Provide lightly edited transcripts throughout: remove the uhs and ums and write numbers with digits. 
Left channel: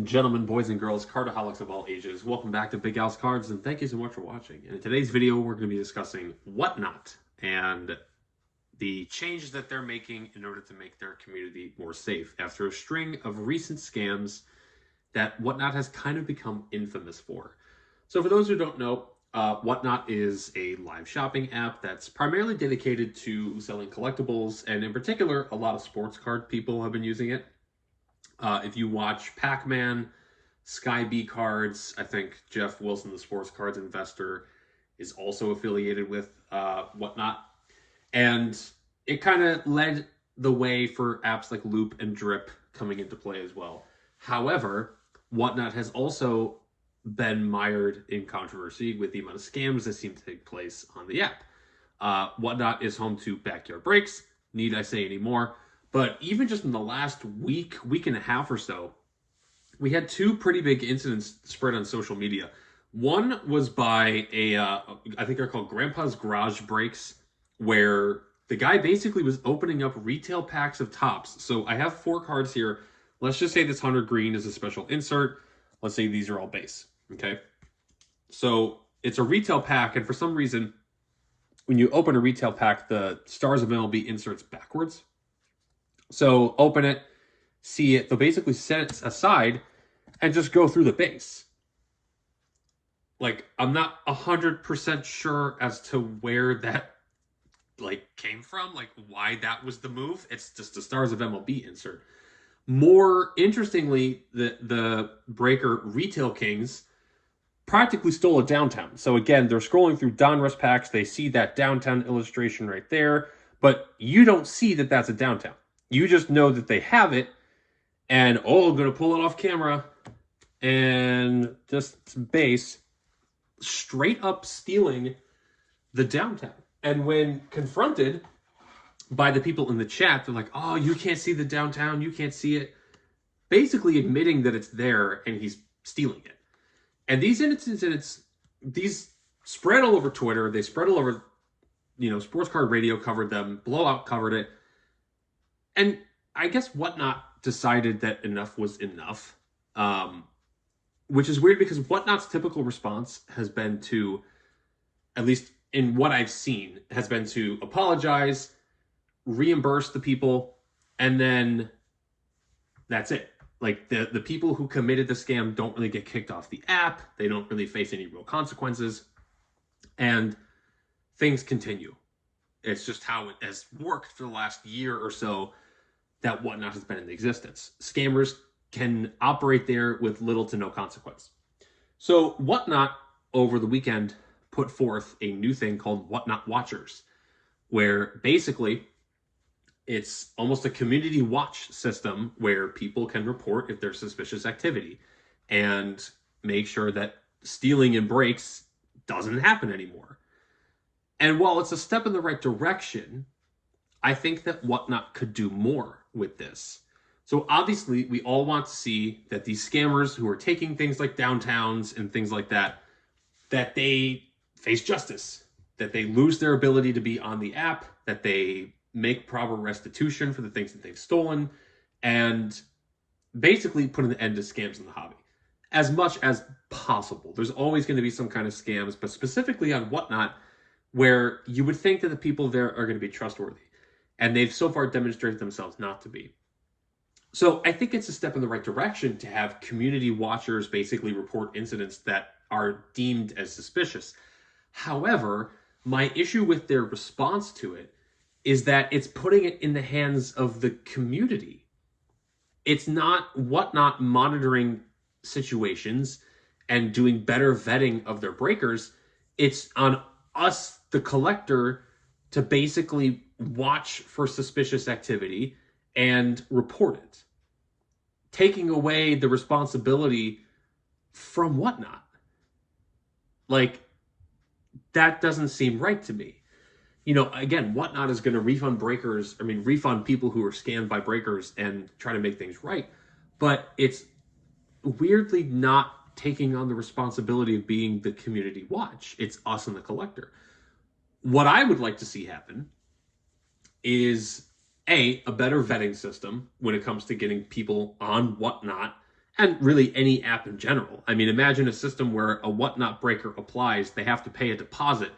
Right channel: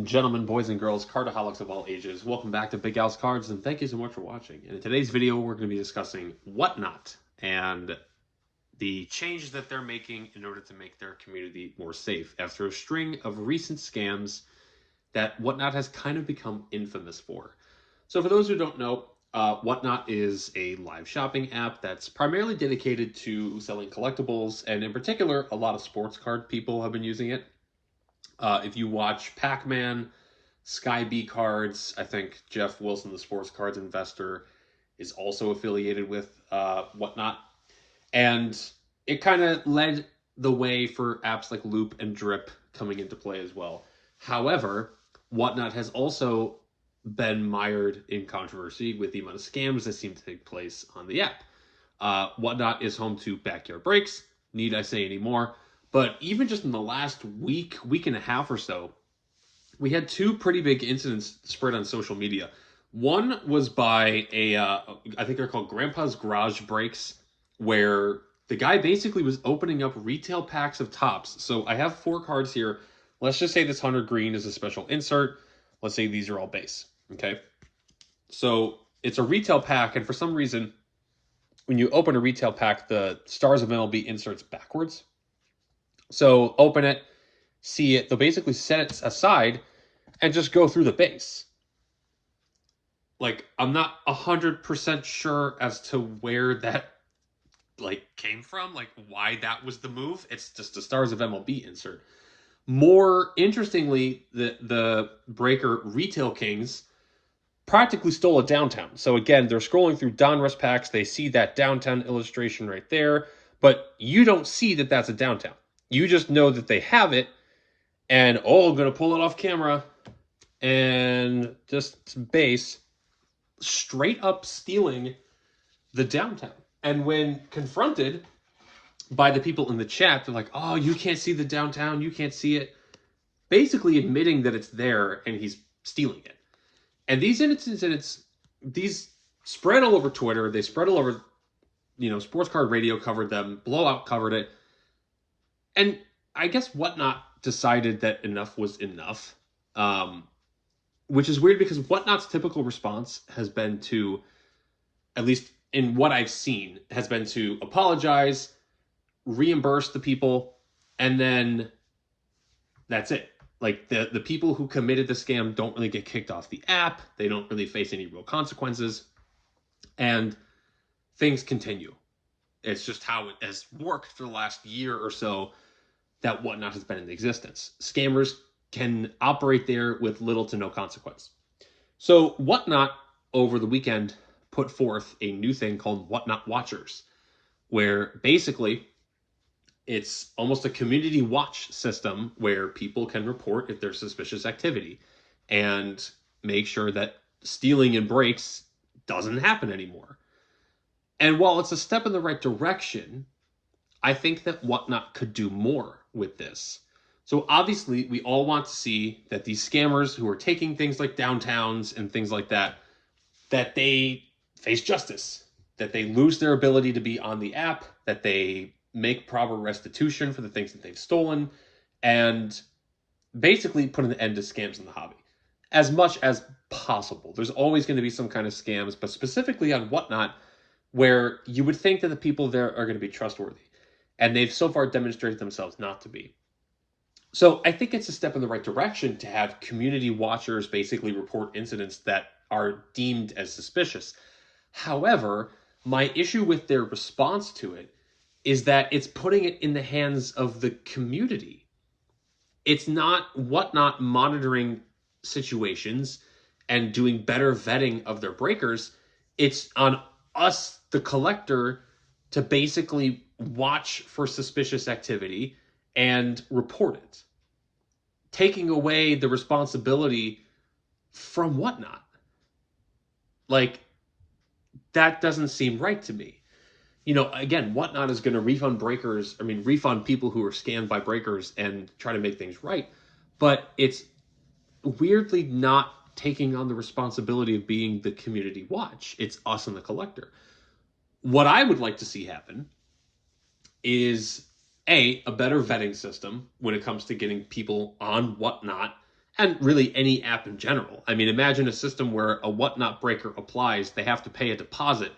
and gentlemen, boys and girls, cardaholics of all ages, welcome back to Big Al's Cards, and thank you so much for watching. In today's video, we're going to be discussing WhatNot and the changes that they're making in order to make their community more safe after a string of recent scams that WhatNot has kind of become infamous for. So for those who don't know, WhatNot is a live shopping app that's primarily dedicated to selling collectibles, and in particular, a lot of sports card people have been using it. If you watch Pac-Man, Sky B Cards, I think Jeff Wilson, the sports cards investor, is also affiliated with WhatNot. And it kind of led the way for apps like Loop and Drip coming into play as well. However, WhatNot has also been mired in controversy with the amount of scams that seem to take place on the app. WhatNot is home to backyard breaks. Need I say any more? But even just in the last week and a half or so, we had two pretty big incidents spread on social media. One was by I think they're called Grandpa's Garage Breaks, where the guy basically was opening up retail packs of tops. So I have 4 cards here. Let's just say this 100 green is a special insert. Let's say these are all base, okay? So it's a retail pack, and for some reason, when you open a retail pack, the Stars of MLB inserts backwards. So open it, see it, they'll basically set it aside and just go through the base. Like, I'm not 100% sure as to where that, came from, why that was the move. It's just a Stars of MLB insert. More interestingly, the Breaker Retail Kings practically stole a downtown. So again, they're scrolling through Donruss packs, they see that downtown illustration right there, but you don't see that that's a downtown. You just know that they have it, and I'm going to pull it off camera, and just base, straight up stealing the downtown. And when confronted by the people in the chat, they're like, oh, you can't see the downtown, you can't see it. Basically admitting that it's there, and he's stealing it. And these incidents, these spread all over Twitter, they spread all over, Sports Card Radio covered them, Blowout covered it. And I guess WhatNot decided that enough was enough, which is weird because WhatNot's typical response has been to, at least in what I've seen, has been to apologize, reimburse the people, and then that's it. Like, the people who committed the scam don't really get kicked off the app. They don't really face any real consequences. And things continue. It's just how it has worked for the last year or so that WhatNot has been in existence. Scammers can operate there with little to no consequence. So WhatNot, over the weekend, put forth a new thing called WhatNot Watchers, where basically it's almost a community watch system where people can report if there's suspicious activity and make sure that stealing and breaks doesn't happen anymore. And while it's a step in the right direction, I think that WhatNot could do more with this. So obviously, we all want to see that these scammers who are taking things like downtowns and things like that, that they face justice, that they lose their ability to be on the app, that they make proper restitution for the things that they've stolen, and basically put an end to scams in the hobby as much as possible. There's always going to be some kind of scams, but specifically on WhatNot, where you would think that the people there are going to be trustworthy. And they've so far demonstrated themselves not to be. So I think it's a step in the right direction to have community watchers basically report incidents that are deemed as suspicious. However, my issue with their response to it is that it's putting it in the hands of the community. It's not WhatNot monitoring situations and doing better vetting of their breakers. It's on us, the collector, to basically watch for suspicious activity and report it, taking away the responsibility from WhatNot. That doesn't seem right to me. Again, WhatNot is going to refund people who are scammed by breakers and try to make things right, but it's weirdly not taking on the responsibility of being the community watch. It's us and the collector. What I would like to see happen is a better vetting system when it comes to getting people on WhatNot and really any app in general. I mean, imagine a system where a WhatNot breaker applies, they have to pay a deposit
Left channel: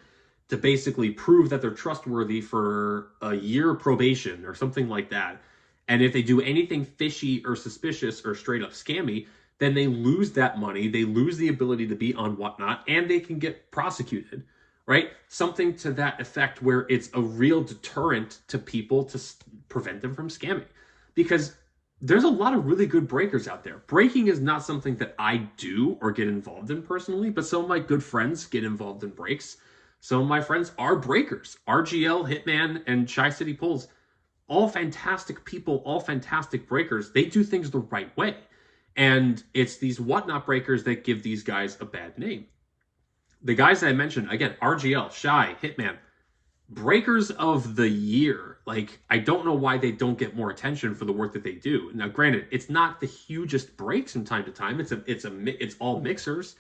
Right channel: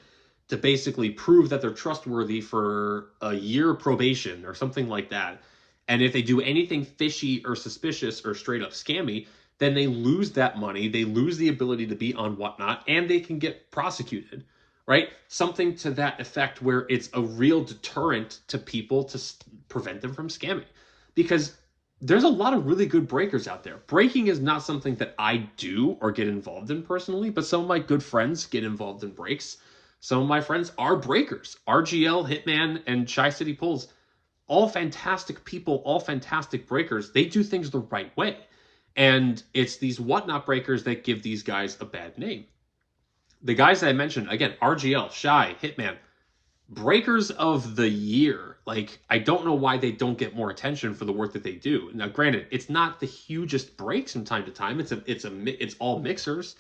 to basically prove that they're trustworthy for a year probation or something like that. And if they do anything fishy or suspicious or straight up scammy, then they lose that money, they lose the ability to be on WhatNot, and they can get prosecuted, right? Something to that effect where it's a real deterrent to people to prevent them from scamming. Because there's a lot of really good breakers out there. Breaking is not something that I do or get involved in personally, but some of my good friends get involved in breaks. Some of my friends are breakers. RGL, Hitman, and Tri-City Pulls, all fantastic people, all fantastic breakers. They do things the right way. And it's these WhatNot breakers that give these guys a bad name. The guys that I mentioned, again, RGL, Shy, Hitman, breakers of the year. Like, I don't know why they don't get more attention for the work that they do. Now, granted, it's not the hugest breaks from time to time. It's all mixers,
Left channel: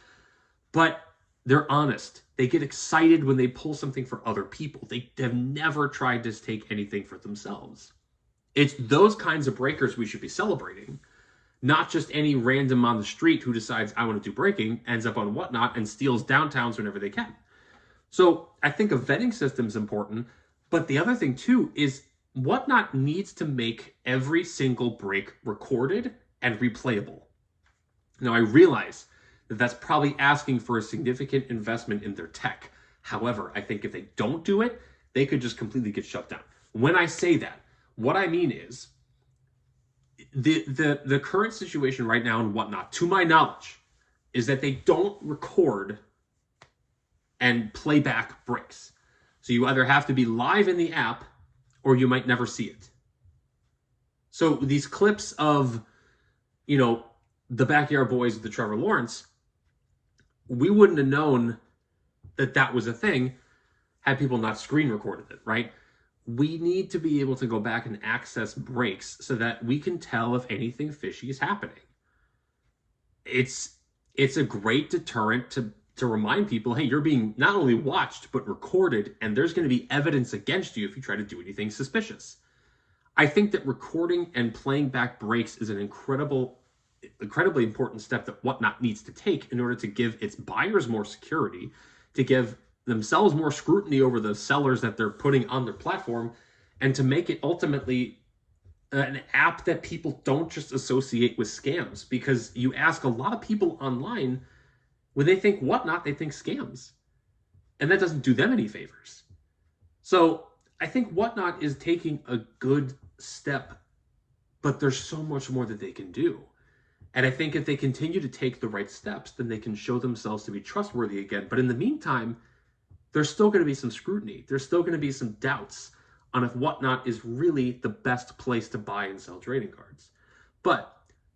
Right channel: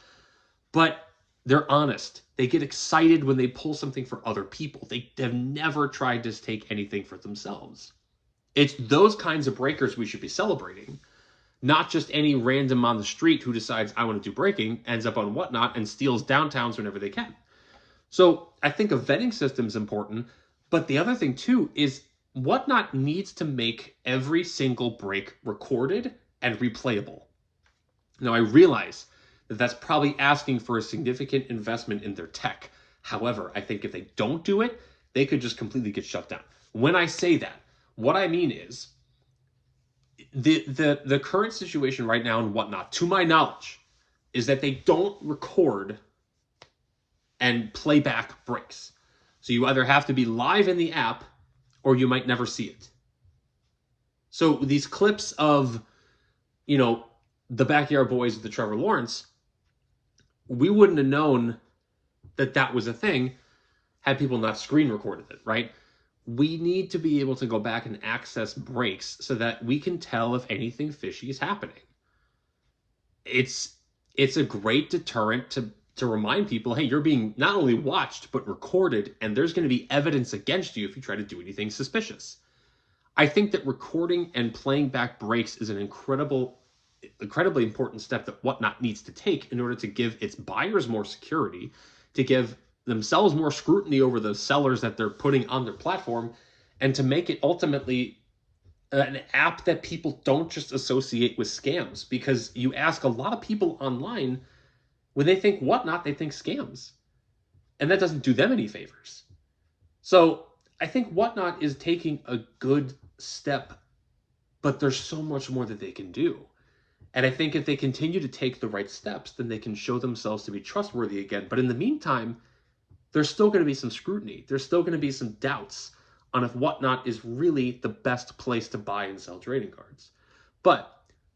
but they're honest. They get excited when they pull something for other people. They have never tried to take anything for themselves. It's those kinds of breakers we should be celebrating, not just any random on the street who decides, I want to do breaking, ends up on WhatNot and steals downtowns whenever they can. So I think a vetting system is important, but the other thing too is WhatNot needs to make every single break recorded and replayable. Now I realize that that's probably asking for a significant investment in their tech. However, I think if they don't do it, they could just completely get shut down. When I say that, what I mean is the current situation right now in WhatNot, to my knowledge, is that they don't record and play back breaks. So you either have to be live in the app or you might never see it. So these clips of, you know, the Backyard Boys with the Trevor Lawrence, we wouldn't have known that that was a thing had people not screen recorded it, right? We need to be able to go back and access breaks so that we can tell if anything fishy is happening. It's a great deterrent to remind people, hey, you're being not only watched, but recorded, and there's going to be evidence against you if you try to do anything suspicious. I think that recording and playing back breaks is an incredibly important step that WhatNot needs to take in order to give its buyers more security, to give themselves more scrutiny over the sellers that they're putting on their platform, and to make it ultimately an app that people don't just associate with scams. Because you ask a lot of people online, when they think WhatNot, they think scams. And that doesn't do them any favors. So I think WhatNot is taking a good step, but there's so much more that they can do. And I think if they continue to take the right steps, then they can show themselves to be trustworthy again. But in the meantime, there's still going to be some scrutiny. There's still going to be some doubts on if WhatNot is really the best place to buy and sell trading cards. But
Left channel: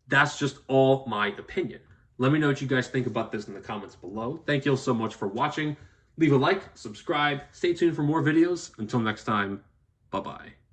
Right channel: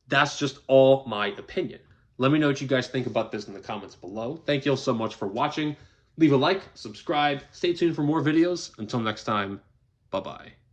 that's just all my opinion. Let me know what you guys think about this in the comments below. Thank you all so much for watching. Leave a like, subscribe, stay tuned for more videos. Until next time, bye-bye.